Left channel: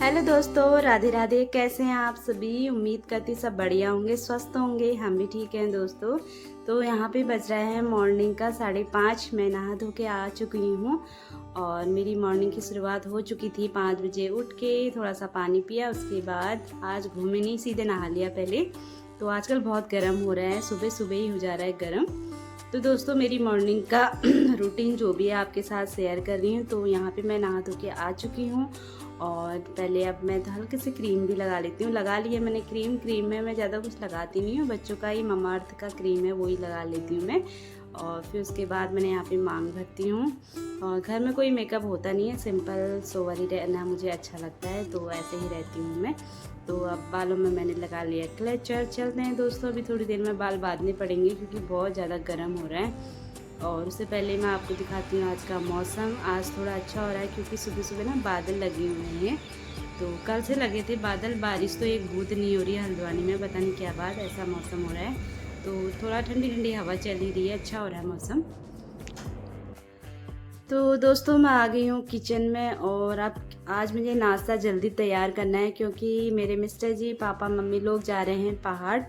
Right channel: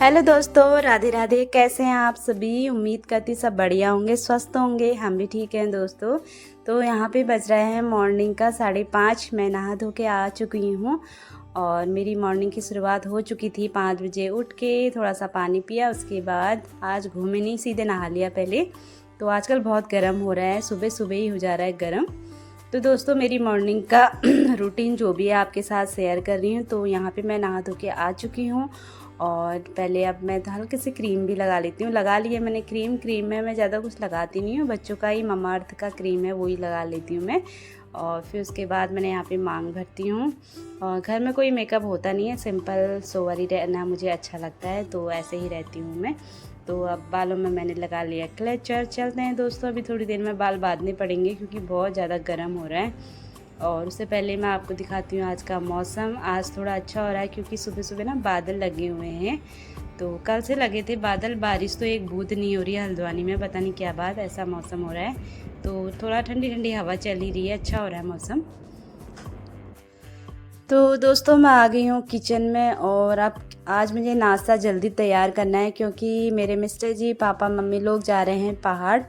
Hello दोस्तों, राधे राधे। कैसे हैं आप सभी? उम्मीद करती सब बढ़िया होंगे, स्वस्थ होंगे। हम भी ठीक हैं दोस्तों। तो यहाँ पे बज रहे हैं मॉर्निंग का 5:30। मैं नहा धो के आ चुकी हूँ और मेरी मॉर्निंग की शुरुआत हो चुकी थी। 5 बजे उठ के थोड़ा सा पानी पिया, उसके बाद आज घूमे नहीं, सीधे नहा लिया पहले। तो आजकल बहुत गर्म हो रहा है, सुबह सुबह ही हो जा रहा है गर्म। तो दोस्तों मेरी मॉर्निंग का रूटीन जो भी है आपके साथ शेयर कर रही हूँ। तो यहाँ पे मैं नहा धो के आ चुकी हूँ और पहले अब मैं हल्की सी क्रीम भी लगा लेती हूँ। लगा ली है मैंने क्रीम में मैं ज़्यादा कुछ लगाती नहीं हूँ, बच्चों का ही ममाअर्थ का क्रीम है वही लगा लेती हूँ मैं। और फिर उसके बाद मैंने यहाँ पे मांग भरती हूँ। और घर में कोई मेकअप होता नहीं है, सिंपल सोवर ही रहना मुझे अच्छा लगता है, तो ऐसे ही रहती हूँ मैं। तो अब बालों में मैंने लगा लिया क्लेचर। चलते हैं दोस्तों, अभी थोड़ी देर में बाल बांधने पड़ेंगे क्योंकि बहुत ज़्यादा गर्म हो रहा है। और उससे पहले मैं आपको दिखाती हूँ आज का मौसम। आज थोड़ा अच्छा हो रहा है क्योंकि सुबह सुबह ना बादल लगे हुए हैं। तो कल से लगे थे बादल, बारिश तो एक बूंद नहीं हो रही है हल्द्वानी में, पता नहीं क्या बात, ऐसा मौसम हो रहा है। तो थोड़ा ठंडी ठंडी हवा चल ही रही है, अच्छा हो रहा है मौसम। तो दोस्तों मैं आ गई हूँ किचन में और अब आज मुझे नाश्ता जल्दी तैयार करना है क्योंकि मेरे मिस्टर जी, पापा, मम्मी लोग जा रहे हैं पहाड़।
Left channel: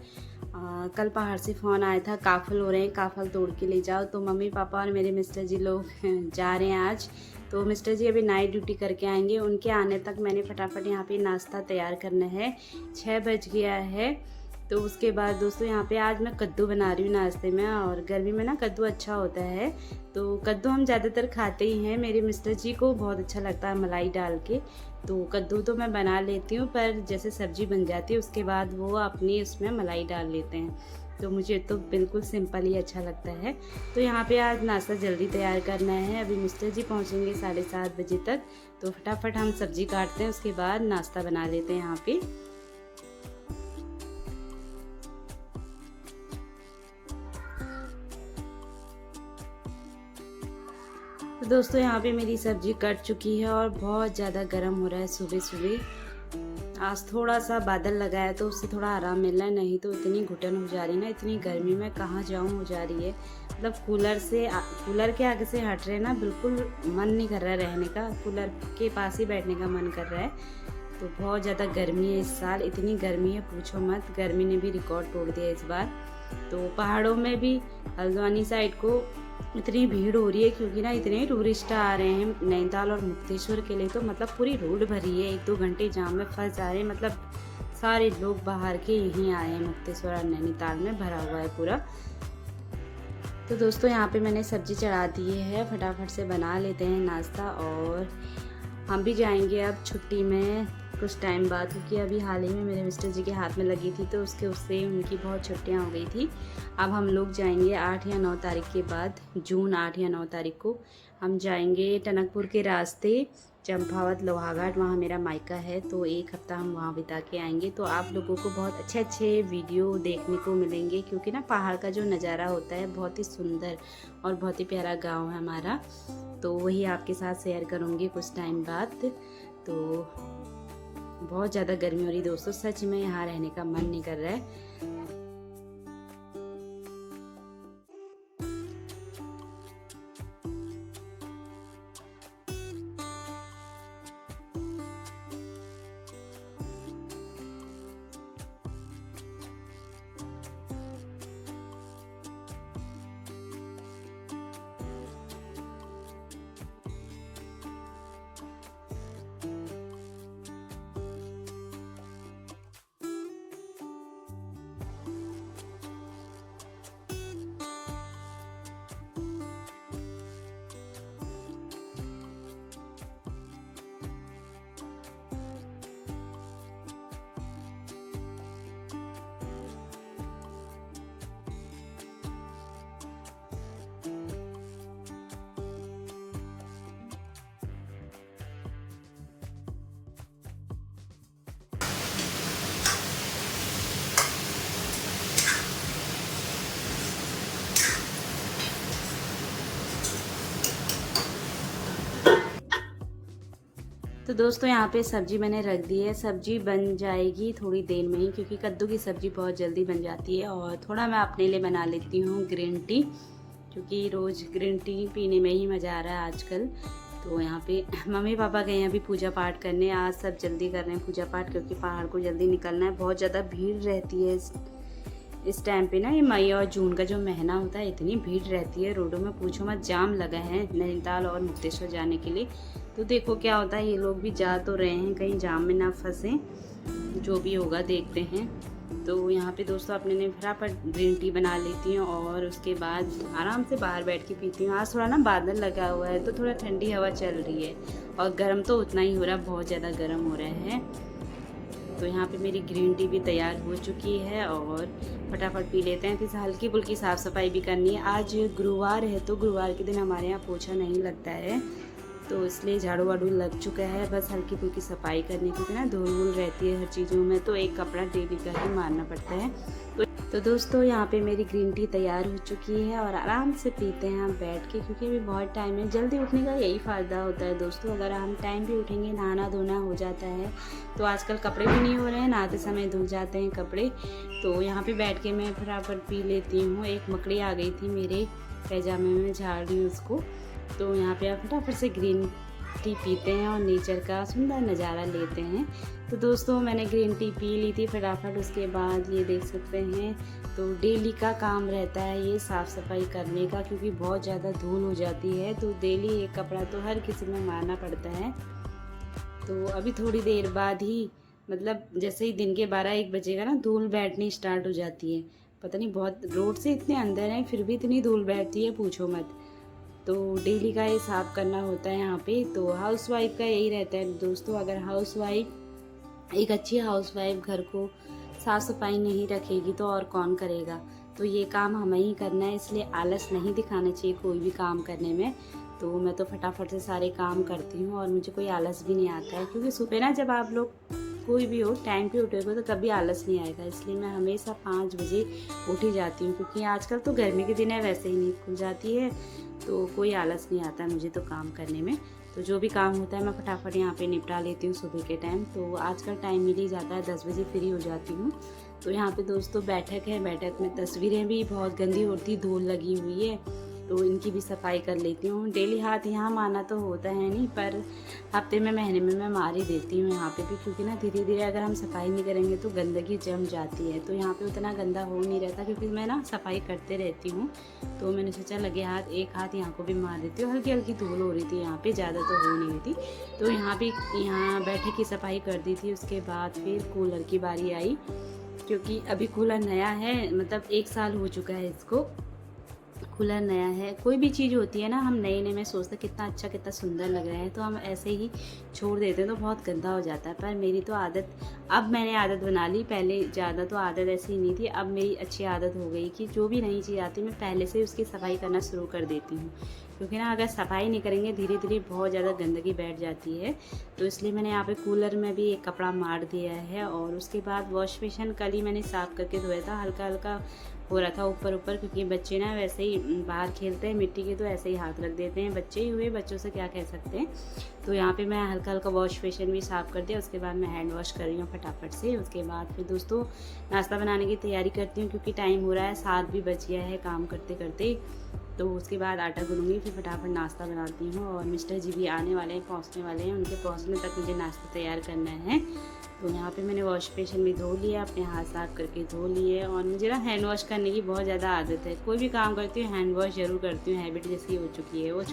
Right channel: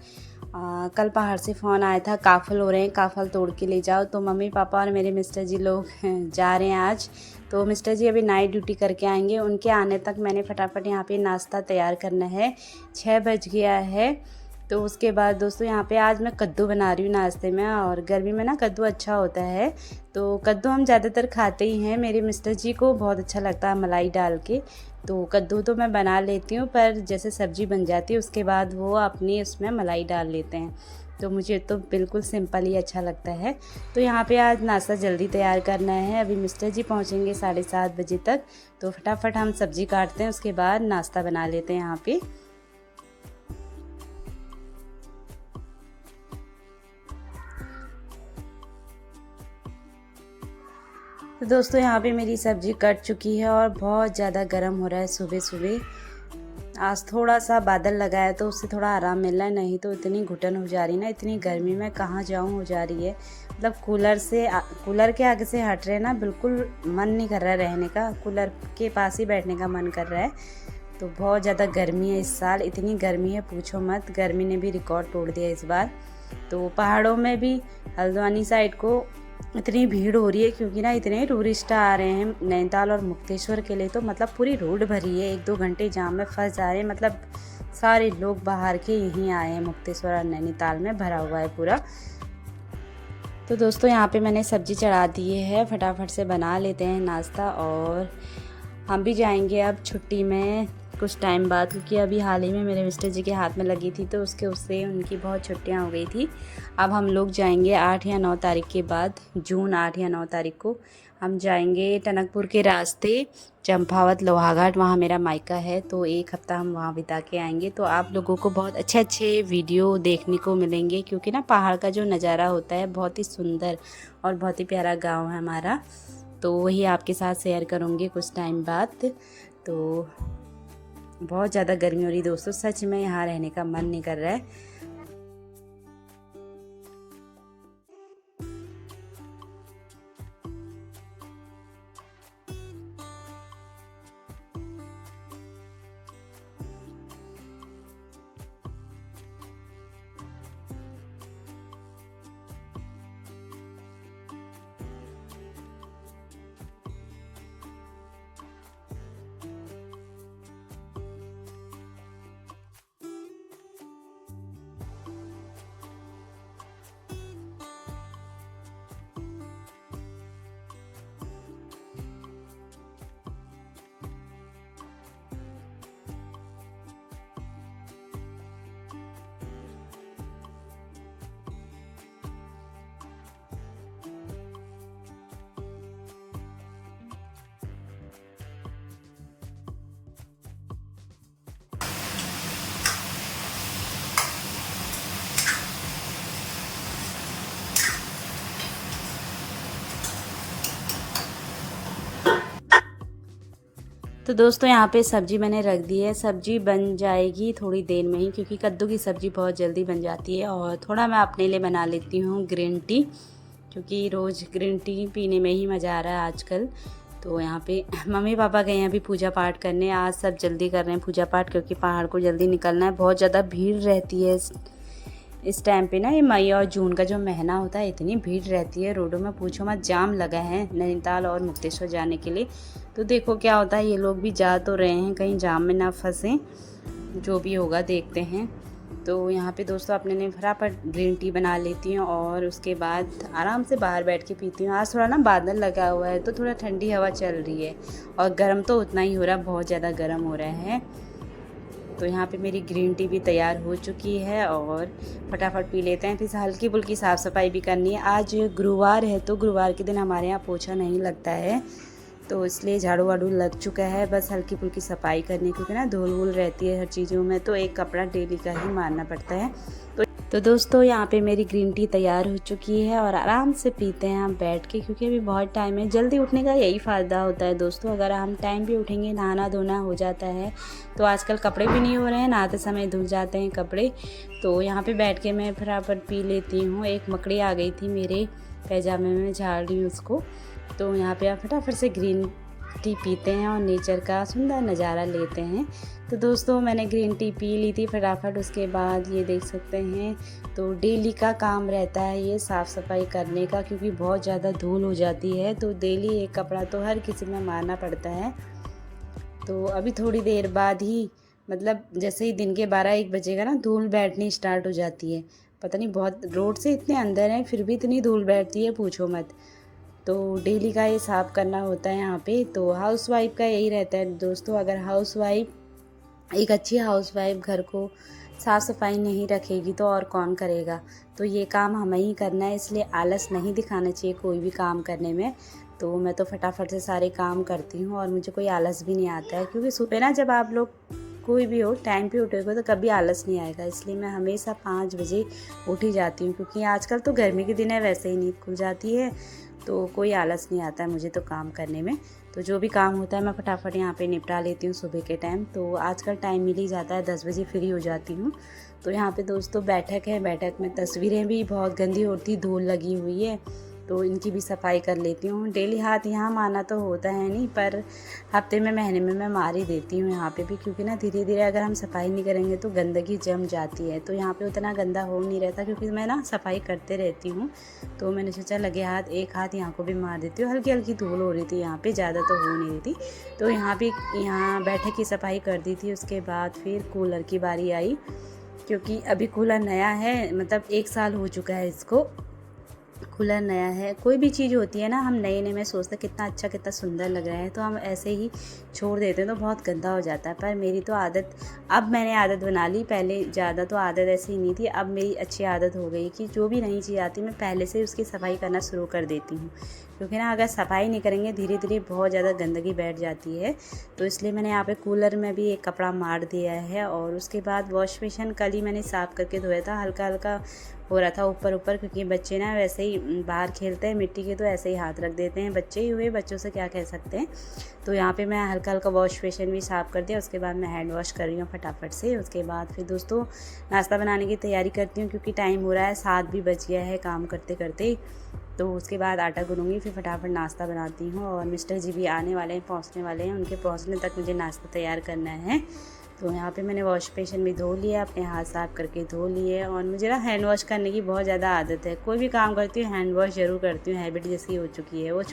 कल पहाड़ से फ़ोन आया था, काफ़ल हो रहे हैं, काफ़ल तोड़ के ले जाओ। तो मम्मी पापा और मेरे मिस्टर जी लोग जा रहे हैं आज। तो मिस्टर जी अभी नाइट ड्यूटी करके आएंगे, उनके आने तक मैंने फटाफट यहाँ पे नाश्ता तैयार करना है। 6 बज गया है। तो उसके बाद दोस्तों यहाँ पे आज मैं कद्दू बना रही हूँ नाश्ते में, और गर्मी में ना कद्दू अच्छा होता है। तो कद्दू हम ज़्यादातर खाते ही हैं, मेरे मिस्टर जी को बहुत अच्छा लगता है मलाई डाल के। तो कद्दू तो मैं बना लेती हूँ, पर जैसे सब्ज़ी बन जाती है उसके बाद वो अपनी उसमें मलाई डाल लेते हैं। तो मुझे तो बिल्कुल सिंपल ही अच्छा लगता है। तो यहाँ पे आज नाश्ता जल्दी तैयार करना है। अभी मिस्टर जी पहुँचेंगे 7:30 बजे तक। तो फटाफट हम सब्ज़ी काटते हैं, उसके बाद नाश्ता बना लेते हैं यहाँ पे। तो दोस्तों यहाँ पे मेरी सब्ज़ी कट चुकी है और बहुत ज़्यादा गर्म हो रहा है सुबह सुबह। आज थोड़ा सा बादल लगा है तो उससे थोड़ा आराम मिल रहा है, नहीं तो इतनी घुटन हो जा रही है ना, इतनी गर्मी में कहाँ जाऊँ हो जा रही है। मतलब कूलर के आगे से हट रहे ना, बिल्कुल मन नहीं कर रहा है रहने का, कूलर के पास ही बैठने का मन कर रहा है। तो बहुत ज़्यादा गर्मी है इस साल, इतनी गर्मी है पूछो मत, गर्मी ने भी रिकॉर्ड तोड़ दिया इस बार। तो पहाड़ों में भी हल्द्वानी साइड को इतनी भीड़ हो रही है क्योंकि ना इतने टूरिस्ट आ रहे हैं नैनीताल और मुक्तेश्वर के लिए। तो मतलब पूरी रोड भरी है, 1-2 घंटे जाम में फंस जा रहे हैं। मतलब सारे लोग बाहर के यहीं आए हैं, मुक्तेश्वर और नैनीताल में भरा हुआ है पूरा। तो दोस्तों यहाँ पे मैंने सब्ज़ी चढ़ा दी है, फटाफट से बना लेते हैं नाश्ता। और हम भी जाएंगे अब छुट्टी में कुछ टाइम बाद, क्योंकि अभी हाल ही में मेरे मिस्टर जी के हाथ में लगी थी तो उससे उनकी बहुत छुट्टियां हो गई थी। अब हम लोग जाएंगे 8 या 9 तारीख के बाद, जून 8 या 9 तारीख को हम जाएंगे टनकपुर के रास्ते चंपावत लोहाघाट, वहाँ मेरा मायका है। तो 1 हफ्ता हम वहाँ बिता के आएंगे। तो आप लोगों को बहुत अच्छे अच्छे वीडियो देखने को मिलेंगे क्योंकि ना पहाड़ का जो नज़ारा होता है बहुत ही सुंदर और बहुत ही प्यारा गाँव है हमारा। तो वही आपके साथ शेयर करूँगी कुछ टाइम बाद। तो बहुत ज़्यादा गर्मी हो रही दोस्तों, सच में यहाँ रहने का मन नहीं कर रहा है। तो दोस्तों यहाँ पे सब्ज़ी मैंने रख दी है, सब्ज़ी बन जाएगी थोड़ी देर में ही क्योंकि कद्दू की सब्ज़ी बहुत जल्दी बन जाती है। और थोड़ा मैं अपने लिए बना लेती हूँ ग्रीन टी, क्योंकि रोज़ ग्रीन टी पीने में ही मज़ा आ रहा है आजकल। तो यहाँ पे मम्मी पापा गए हैं अभी पूजा पाठ करने। आज सब जल्दी कर रहे हैं पूजा पाठ क्योंकि पहाड़ को जल्दी निकलना है। बहुत ज़्यादा भीड़ रहती है इस टाइम पे ना, ये मई और जून का जो महीना होता है इतनी भीड़ रहती है रोडों में, पूछो मत। जाम लगा है नैनीताल और मुक्तेश्वर जाने के लिए। तो देखो क्या होता है, ये लोग भी जा तो रहे हैं, कहीं जाम में ना फंसें, जो भी होगा देखते हैं। तो यहाँ पे दोस्तों अपने ने फटाफट ग्रीन टी बना लेती हूँ और उसके बाद आराम से बाहर बैठ के पीती हूँ। आज थोड़ा ना बादल लगा हुआ है तो थोड़ा ठंडी हवा चल रही है और गर्म तो उतना ही हो रहा है, बहुत ज़्यादा गर्म हो रहा है। तो यहाँ पे मेरी ग्रीन टी भी तैयार हो चुकी है और फटाफट पी लेते हैं। फिर हल्की फुल्की साफ़ सफाई भी करनी है। आज गुरुवार है तो गुरुवार के दिन हमारे यहाँ पोछा नहीं लगता है, तो इसलिए झाड़ू वाड़ू लग चुका है, बस हल्की फुल्की सफाई करनी, क्योंकि ना धूल वूल रहती है हर चीज़ों में, तो एक कपड़ा डेली का ही मारना पड़ता है। तो दोस्तों यहाँ पे मेरी ग्रीन टी तैयार हो चुकी है और आराम से पीते हैं हम बैठ के, क्योंकि अभी बहुत टाइम है। जल्दी उठने का यही फ़ायदा होता है दोस्तों, अगर हम टाइम पे उठेंगे, नहाना धोना हो जाता है। तो आजकल कपड़े भी नहीं हो रहे हैं, नहाते समय धुल जाते हैं कपड़े। तो यहाँ पे बैठ के मैं फटाफट पी लेती हूँ। एक मकड़ी आ गई थी मेरे पैजामे में, झाड़ रही हूँ उसको। तो यहाँ पे आप फटाफट से ग्रीन टी पीते हैं और नेचर का सुंदर नज़ारा लेते हैं। तो दोस्तों मैंने ग्रीन टी पी ली थी फटाफट। उसके बाद ये देख सकते हैं, तो डेली का काम रहता है ये साफ़ सफाई करने का, क्योंकि बहुत ज़्यादा धूल हो जाती है। तो डेली एक कपड़ा तो हर किसी में मारना पड़ता है। तो अभी थोड़ी देर बाद ही, मतलब जैसे ही दिन के 12-1 बजेगा ना, धूल बैठनी स्टार्ट हो जाती है। पता नहीं, बहुत रोड से इतने अंदर हैं फिर भी इतनी धूल बैठती है, पूछो मत। तो डेली का ये साफ़ करना होता है यहाँ पे। तो हाउसवाइफ का यही रहता है दोस्तों, अगर एक अच्छी हाउसवाइफ घर को साफ़ सफाई नहीं रखेगी तो और कौन करेगा। तो ये काम हमें ही करना है, इसलिए आलस नहीं दिखाना चाहिए कोई भी काम करने में। तो मैं तो फटाफट से सारे काम करती हूँ और मुझे कोई आलस भी नहीं आता है, क्योंकि सुबह ना जब आप लोग कोई भी हो टाइम पे उठोगे तो कभी आलस नहीं आएगा। इसलिए मैं हमेशा 5 बजे उठ ही जाती हूँ, क्योंकि आजकल तो गर्मी के दिन है, वैसे ही नींद खुल जाती है, तो कोई आलस नहीं आता है मुझे तो काम करने में। तो जो भी काम होता है मैं फटाफट यहाँ पे निपटा लेती हूँ सुबह के टाइम। तो आजकल टाइम मिल ही जाता है, 10 बजे फ्री हो जाती हूँ। तो यहाँ पे दोस्तों बैठक है, बैठक में तस्वीरें भी बहुत गंदी होती, धूल लगी हुई है, तो इनकी भी सफाई कर लेती हूँ। डेली हाथ यहाँ मारना तो होता है नहीं, पर हफ्ते में महीने में मैं मार ही देती हूँ यहाँ पे भी, क्योंकि ना धीरे धीरे अगर हम सफाई नहीं करेंगे तो गंदगी जम जाती है। तो यहाँ पे उतना गंदा हो नहीं रहता, क्योंकि मैं ना सफाई करते रहती हूँ। तो मैंने सोचा लगे हाथ, एक हाथ यहाँ को भी मार देती हूँ। हल्की हल्की धूल हो रही थी यहाँ पे, ज़्यादा तो हो नहीं रही थी। तो यहाँ बैठक की सफाई कर दी थी। उसके बाद फिर कूलर की बारी आई, क्योंकि अभी कूलर नया है, मतलब 1 साल हो चुका है इसको, कूलर नया है। कोई भी चीज़ होती है ना, हम नए नए में सोचते हैं कितना अच्छा कितना सुंदर लग रहा है, तो हम ऐसे ही छोड़ देते हैं तो बहुत गंदा हो जाता है। पर मेरी तो आदत, अब मैंने आदत बना ली, पहले ज़्यादा तो आदत ऐसी नहीं थी, अब मेरी अच्छी आदत हो गई कि जो भी नई चीज़ आती है मैं पहले से उसकी सफाई करना शुरू कर देती हूँ, क्योंकि ना अगर सफाई नहीं करेंगे धीरे धीरे बहुत ज़्यादा गंदगी बैठ जाती है। तो इसलिए मैंने यहाँ पे कूलर में भी एक कपड़ा मार दिया है। और उसके बाद वॉश बेसिन कल ही मैंने साफ़ करके धोया था, हल्का हल्का हो रहा था ऊपर ऊपर, क्योंकि बच्चे ना वैसे ही बाहर खेलते हैं मिट्टी के, तो ऐसे ही हाथ रख देते हैं, बच्चे ही हुए, बच्चों से क्या कह सकते हैं। तो यहाँ पे मैं हल्का हल्का वॉश बेसिन भी साफ़ कर दिया। उसके बाद मैं हैंड वॉश कर रही हूँ फटाफट से। उसके बाद फिर दोस्तों नाश्ता बनाने की तैयारी करती हूँ, क्योंकि टाइम हो रहा है, 7 भी बज गया है काम करते करते। तो उसके बाद आटा गूँधूंगी, फिर फटाफट नाश्ता बनाती हूँ। और मिस्टर जी भी आने वाले हैं, पहुँचने वाले हैं, उनके पहुँचने तक मुझे नाश्ता तैयार करना है। तो यहाँ पे मैंने वॉश बेसिन भी धो लिया, अपने हाथ साफ़ करके धो लिए। और मुझे ना हैंड वॉश करने की बहुत ज़्यादा आदत है, कोई भी काम करती हूँ हैंड वॉश ज़रूर करती हूँ, हैबिट जैसी हो चुकी है वो।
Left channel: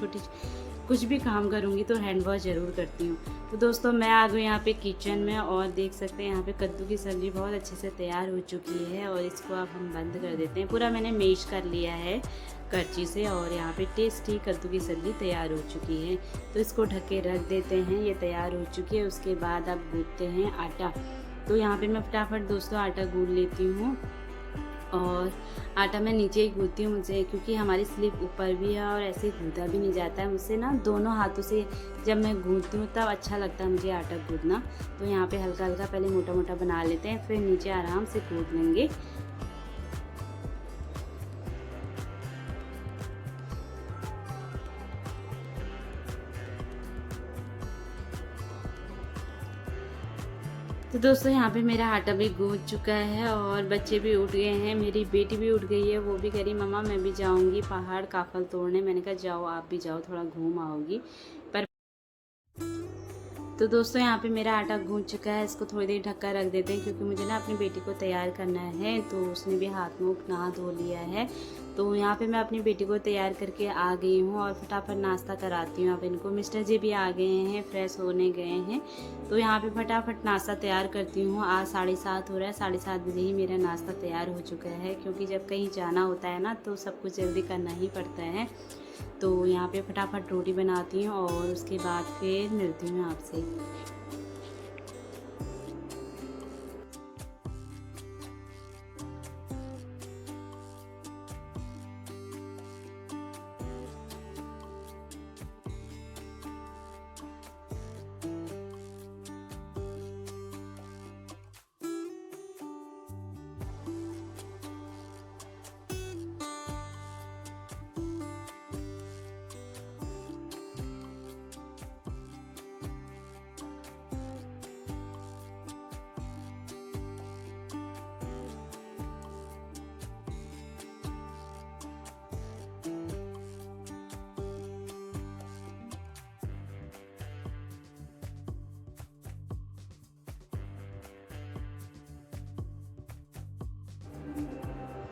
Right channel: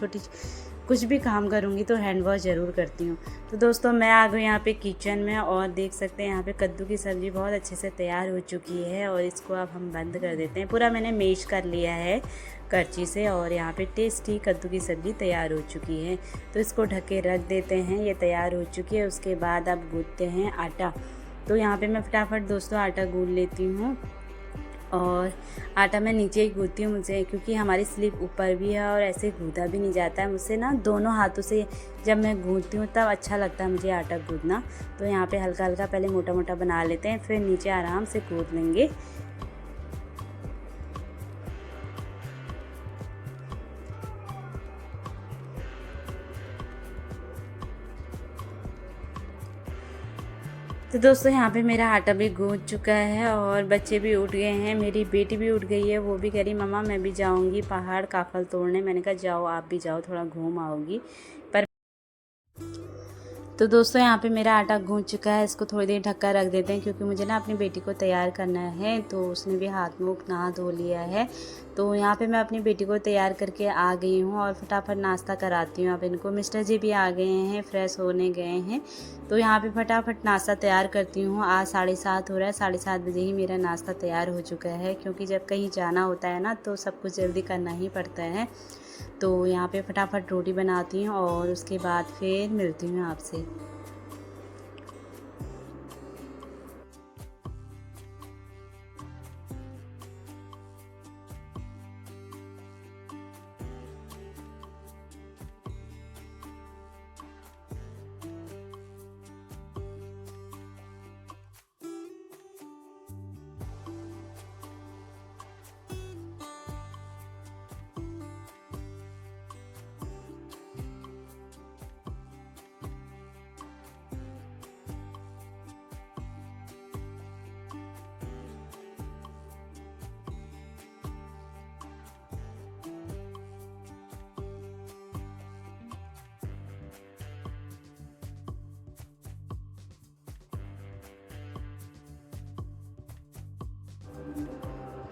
कुछ भी काम करूँगी तो हैंड वॉश ज़रूर करती हूँ। तो दोस्तों मैं आ गई यहाँ पे किचन में, और देख सकते हैं यहाँ पे कद्दू की सब्ज़ी बहुत अच्छे से तैयार हो चुकी है। और इसको अब हम बंद कर देते हैं, पूरा मैंने मैश कर लिया है करछी से। और यहाँ पे टेस्टी कद्दू की सब्ज़ी तैयार हो चुकी है, तो इसको ढक के रख देते हैं, ये तैयार हो चुकी है। उसके बाद अब गूँथते हैं आटा। तो यहाँ पे मैं फटाफट दोस्तों आटा गूँथ लेती हूँ, और आटा मैं नीचे ही गूँथती हूँ मुझे, क्योंकि हमारी स्लिप ऊपर भी है और ऐसे गूँथा भी नहीं जाता है मुझसे ना, दोनों हाथों से जब मैं गूँथती हूँ तब अच्छा लगता है मुझे आटा गूँथना। तो यहाँ पे हल्का हल्का पहले मोटा मोटा बना लेते हैं, फिर नीचे आराम से गूँथ लेंगे। तो दोस्तों यहाँ पे मेरा आटा भी गूँथ चुका है और बच्चे भी उठ गए हैं। मेरी बेटी भी उठ गई है, वो भी कह रही मम्मा मैं भी जाऊँगी पहाड़ काफल तोड़ने। मैंने कहा जाओ, आप भी जाओ, थोड़ा घूम आओगी। पर तो दोस्तों यहाँ पे मेरा आटा गूंथ चुका है, इसको थोड़ी देर ढक कर रख देते हैं क्योंकि मुझे ना अपनी बेटी को तैयार करना है। तो उसने भी हाथ मुँह नहा धो लिया है। तो यहाँ पे मैं अपनी बेटी को तैयार करके आ गई हूँ और फटाफट नाश्ता कराती हूँ। अब इनको मिस्टर जी भी आ गए हैं, फ्रेश होने गए हैं। तो यहाँ पे फटाफट नाश्ता तैयार करती हूँ। आज 7:30 हो रहा है, 7:30 बजे ही मेरा नाश्ता तैयार हो चुका है क्योंकि जब कहीं जाना होता है ना तो सब कुछ जल्दी करना ही पड़ता है। तो यहाँ पे फटाफट रोटी बनाती हूँ और उसके बाद फिर मिलती हूँ आपसे।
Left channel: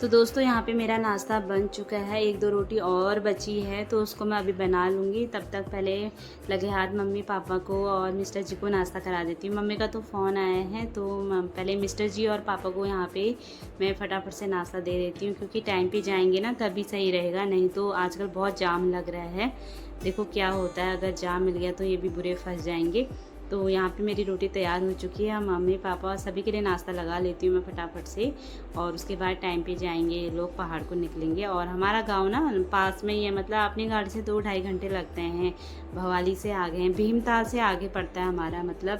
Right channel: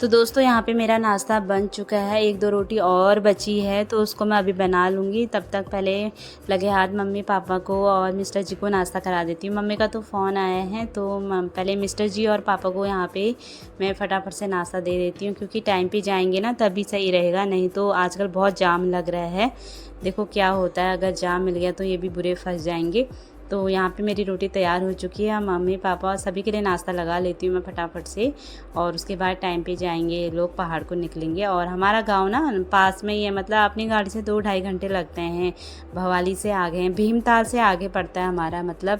तो दोस्तों यहाँ पे मेरा नाश्ता बन चुका है, 1-2 रोटी और बची है तो उसको मैं अभी बना लूँगी। तब तक पहले लगे हाथ मम्मी पापा को और मिस्टर जी को नाश्ता करा देती हूँ। मम्मी का तो फ़ोन आया है तो पहले मिस्टर जी और पापा को यहाँ पे मैं फटाफट से नाश्ता दे देती हूँ क्योंकि टाइम पे जाएंगे ना तभी सही रहेगा, नहीं तो आजकल बहुत जाम लग रहा है। देखो क्या होता है, अगर जाम मिल गया तो ये भी बुरे फंस जाएंगे। तो यहाँ पे मेरी रोटी तैयार हो चुकी है। मम्मी पापा सभी के लिए नाश्ता लगा लेती हूँ मैं फटाफट से और उसके बाद टाइम पे जाएंगे ये लोग, पहाड़ को निकलेंगे। और हमारा गांव ना पास में ही है, मतलब अपनी गाड़ी से 2-2.5 घंटे लगते हैं। भवाली से आगे हैं, भीमताल से आगे पड़ता है हमारा, मतलब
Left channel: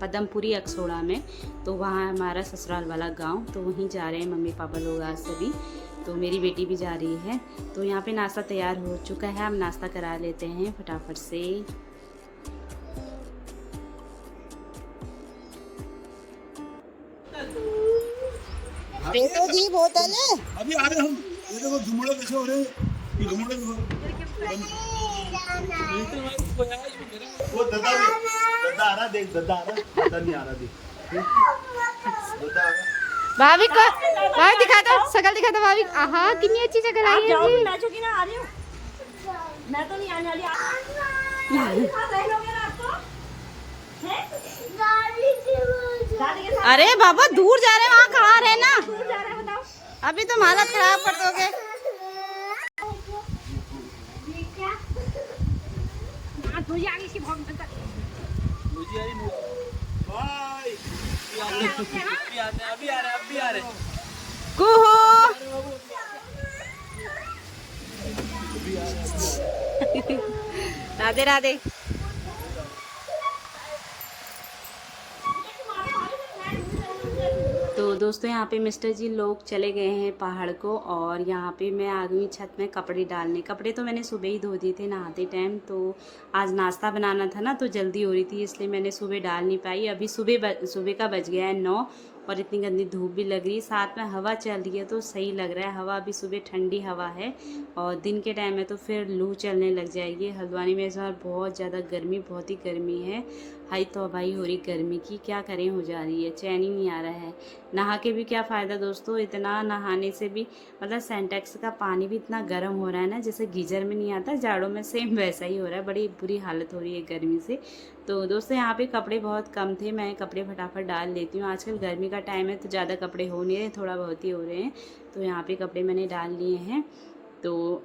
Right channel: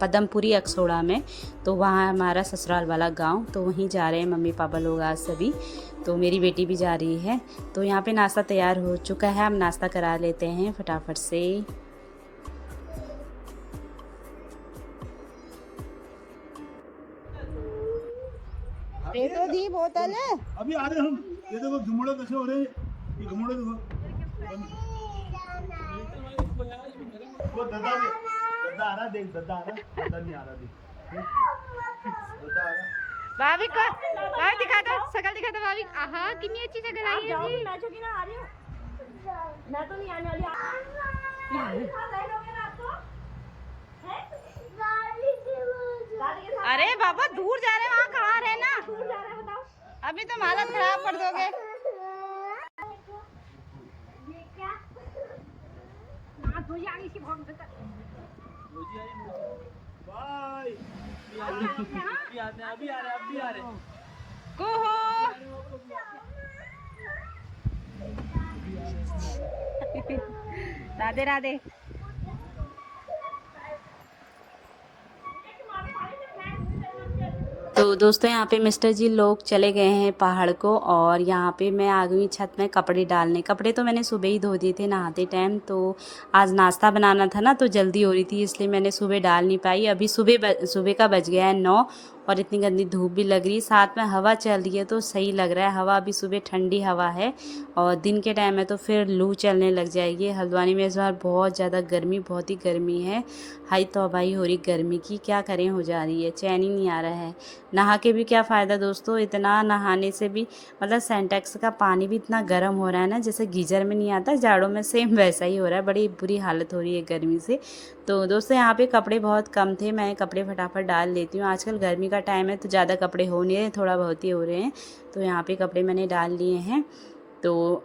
पदमपुरी अक्सोड़ा में। तो वहाँ हमारा ससुराल वाला गाँव, तो वहीं जा रहे हैं मम्मी पापा लोग आज सभी। तो मेरी बेटी भी जा रही है। तो यहाँ पे नाश्ता तैयार हो चुका है, हम नाश्ता करा लेते हैं फटाफट से। जी बोतल है अभी आ रहे हम। ये देखो घुमड़े कैसे हो रहे हैं, ये घुमड़े देखो। वो दद्दा आ रहा, देख दद्दा आ रहा, दद्दा नहीं आ रहा, देख दद्दा आ रहा। भाभी को भाभी दिखा दो, शकल दिखा दो भाभी। हाँ कितनी अच्छी शकल आई है जी। मैं चुकी ना आ रही हूँ, मैं तो नहीं आने वाली। अरे बाबा दूर जा रहे हैं, वहाँ खड़ा रहे ना, अभी तुम हालत खराब कर दोगे। राधे राधे। तो दोस्तों यहाँ पे मिस्टर जी लोग चले गए हैं पहाड़ को और यहाँ पे मैं आ गई छत में कपड़े डालने। कपड़े तो मैंने सुबह ही धो दिए थे नहाते टाइम, तो आज नाश्ता बनाना था ना तो जल्दी हो रही थी इसलिए मैंने सुबह डाल नहीं पाई। अभी सुबह का बज गया है 9 और इतनी गंदी धूप भी लग रही है, साथ में हवा चल रही है तो सही लग रहा है। हवा अभी सुबह ठंडी हवा है और दिन के टाइम में तो फिर लू चलने लग जाएगी। हल्द्वानी में इस बार बहुत ज़्यादा गर्मी, बहुत ही गर्मी है। हाई तौबाही हो रही गर्मी की, क्या करें, हो जा रही है, चैन ही नहीं आ रहा है। नहा के भी क्या फ़ायदा दोस्तों, इतना नहाने से भी मतलब सेंटेक्स का पानी भी इतना गर्म हो रहा है ना, जैसे गीजर में नहीं आता जाड़ों में, सेम वैसा ही हो रहा है। बड़ी बुरी हालत हो रही है गर्मी से। तो दोस्तों यहाँ पे कपड़े बहुत कम थे, मैं कपड़े फटाफट डाल लेती हूँ। आजकल गर्मी का टाइम है तो ज़्यादा कपड़े हो नहीं रहे, थोड़ा बहुत ही हो रहे हैं। तो यहाँ पे कपड़े मैंने डाल लिए हैं। तो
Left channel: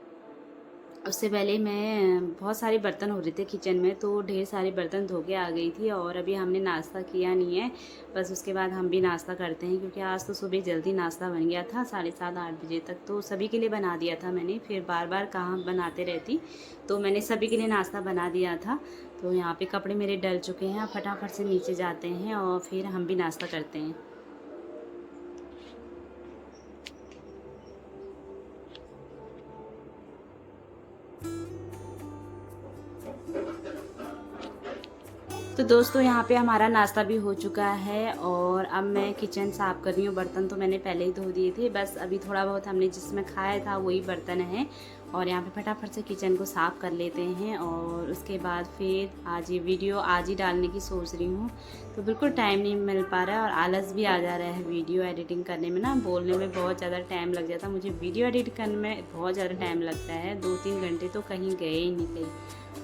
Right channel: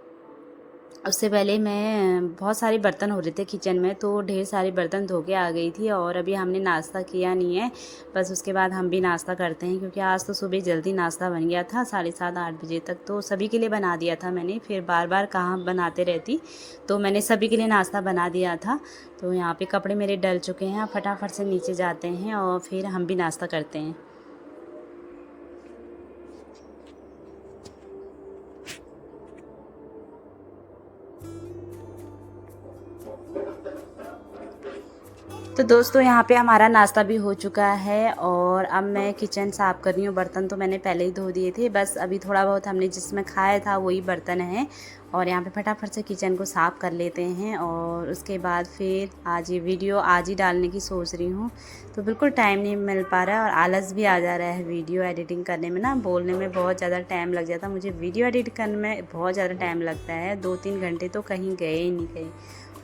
उससे पहले मैं बहुत सारे बर्तन हो रहे थे किचन में, तो ढेर सारे बर्तन धो के आ गई थी और अभी हमने नाश्ता किया नहीं है, बस उसके बाद हम भी नाश्ता करते हैं क्योंकि आज तो सुबह जल्दी नाश्ता बन गया था 7:30-8 बजे तक, तो सभी के लिए बना दिया था मैंने। फिर बार बार कहाँ बनाते रहती, तो मैंने सभी के लिए नाश्ता बना दिया था। तो यहाँ पे कपड़े मेरे डल चुके हैं, फटाफट से नीचे जाते हैं और फिर हम भी नाश्ता करते हैं। तो दोस्तों यहाँ पे हमारा नाश्ता भी हो चुका है और अब मैं किचन साफ़ कर रही हूँ। बर्तन तो मैंने पहले ही धो दिए थे, बस अभी थोड़ा बहुत हमने जिसमें खाया था वही बर्तन हैं और यहाँ पे फटाफट से किचन को साफ़ कर लेते हैं और उसके बाद फिर आज ये वीडियो आज ही डालने की सोच रही हूँ। तो बिल्कुल टाइम नहीं मिल पा रहा है और आलस भी आ जा रहा है वीडियो एडिटिंग करने में ना, बोलने में बहुत ज़्यादा टाइम लग जाता है। मुझे वीडियो एडिट करने में बहुत ज़्यादा टाइम लगता है, 2-3 घंटे तो कहीं गए ही नहीं कहीं।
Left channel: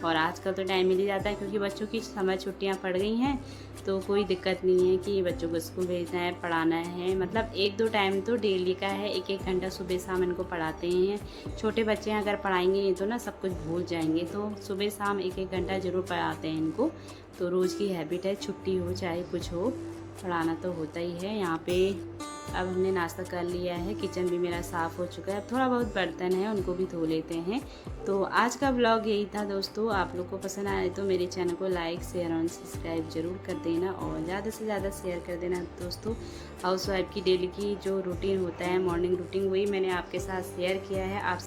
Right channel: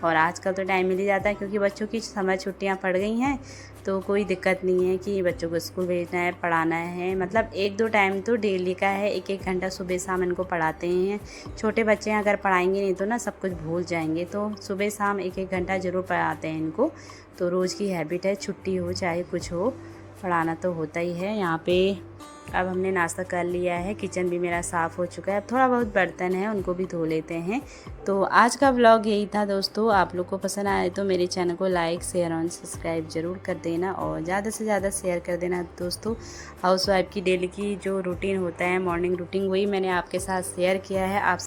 और आजकल तो टाइम मिल ही जाता है क्योंकि बच्चों की समर छुट्टियां पड़ गई हैं, तो कोई दिक्कत नहीं है कि बच्चों को स्कूल भेजना है, पढ़ाना है। मतलब 1-2 टाइम तो डेली का है, 1-1 घंटा सुबह शाम इनको पढ़ाते हैं। छोटे बच्चे हैं, अगर पढ़ाएंगे नहीं तो ना सब कुछ भूल जाएंगे, तो सुबह शाम 1-1 घंटा ज़रूर पढ़ाते हैं इनको। तो रोज़ की हैबिट है, छुट्टी हो चाहे कुछ हो, पढ़ाना तो होता ही है। यहाँ पे अब हमने नाश्ता कर लिया है, किचन भी मेरा साफ़ हो चुका है। अब थोड़ा बहुत बर्तन है उनको भी धो लेते हैं। तो आज का व्लॉग यही था दोस्तों। आप लोग को पसंद आए तो मेरे चैनल को लाइक शेयर और सब्सक्राइब ज़रूर कर देना और ज़्यादा से ज़्यादा शेयर कर देना दोस्तों। हाउसवाइफ की डेली की जो रूटीन होता है, मॉर्निंग रूटीन, वही मैंने आपके साथ शेयर किया है। आप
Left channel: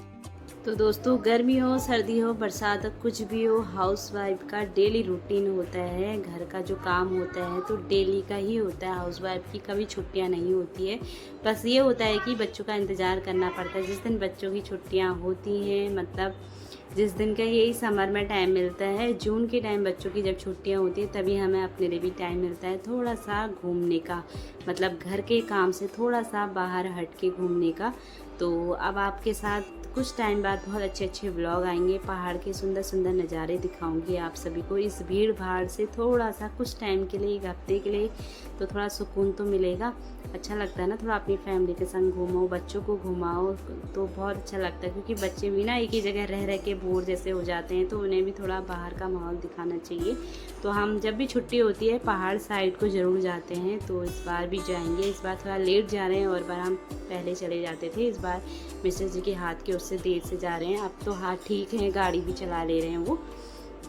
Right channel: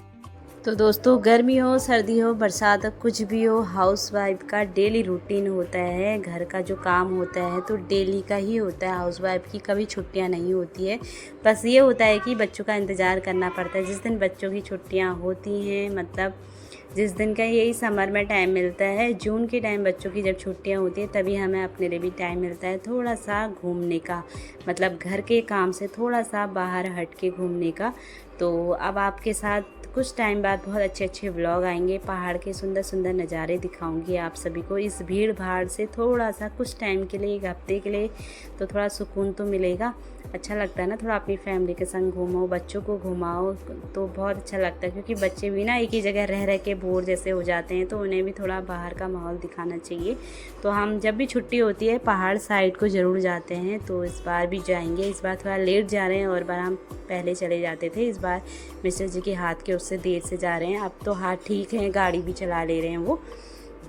तो दोस्तों गर्मी हो, सर्दी हो, बरसात हो, कुछ भी हो, हाउसवाइफ का डेली रूटीन होता है। घर का जो काम होता है तो डेली का ही होता है। हाउसवाइफ की कभी छुट्टियां नहीं होती है, बस ये होता है कि बच्चों का इंतज़ार करना पड़ता है। जिस दिन बच्चों की छुट्टियां होती हैं, मतलब जिस दिन का यही समर में टाइम मिलता है, जून के टाइम बच्चों की जब छुट्टियां होती है तभी हमें अपने लिए भी टाइम मिलता है थोड़ा सा घूमने का, मतलब घर के काम से थोड़ा सा बाहर हट के घूमने का। तो अब आपके साथ कुछ टाइम बाद बहुत अच्छे अच्छे व्लॉग आएंगे, पहाड़ के सुंदर सुंदर नज़ारे दिखाऊंगी आप सभी को। इस भीड़ भाड़ से थोड़ा सा कुछ टाइम के लिए, 1 हफ्ते के लिए, तो थोड़ा सुकून तो मिलेगा। अच्छा लगता है ना, थोड़ा अपनी फैमिली के संग घूमो, बच्चों को घुमाओ तो बहुत अच्छा लगता है। क्योंकि बच्चे भी ना एक ही जगह रह रह के बोर जैसे हो जाते हैं, तो उन्हें भी थोड़ा बाहर का माहौल दिखाना चाहिए। तो हम जब भी छुट्टी होती है पहाड़ साइड को ज़रूर जाते हैं, तो इस बार भी जाएंगे। इस बार थोड़ा लेट जा रहे हैं और बार हम पहले चले जाते थे। इस बार मिस्टर जी के हाथ के उससे देर से जा रहे हैं। अब तो हाथ ठीक है, गाड़ी भी चला ले रहे हैं वो।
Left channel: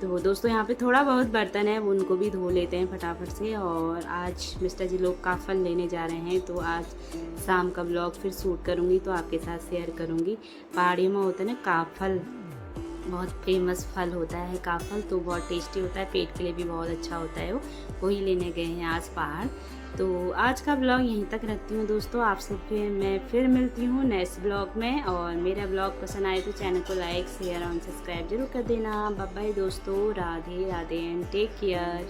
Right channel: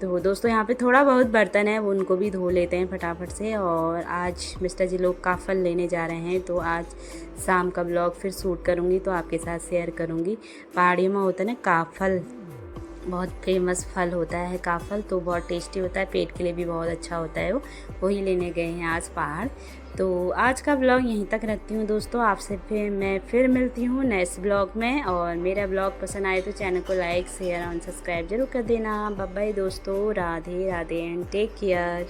तो दोस्तों यहाँ पे थोड़ा बहुत बर्तन है, वो उनको भी धो लेते हैं फटाफट से। और आज मिस्टर जी लोग का फल लेने जा रहे हैं, तो आज शाम का ब्लॉग फिर शूट करूँगी तो आपके साथ शेयर करूँगी। पहाड़ियों में होता है ना काफल, बहुत फेमस फल होता है काफल, तो बहुत टेस्टी होता है, पेट के लिए भी बहुत अच्छा होता है वो। वही लेने गए हैं आज पहाड़। तो आज का ब्लॉग यहीं तक रखती हूँ दोस्तों। आपसे फिर मिलती हूँ नेक्स्ट ब्लॉग में। और मेरा ब्लॉग पसंद आए तो चैनल को लाइक शेयर और सब्सक्राइब जरूर कर देना। बाय बाय दोस्तों, Radhe Radhe and take care.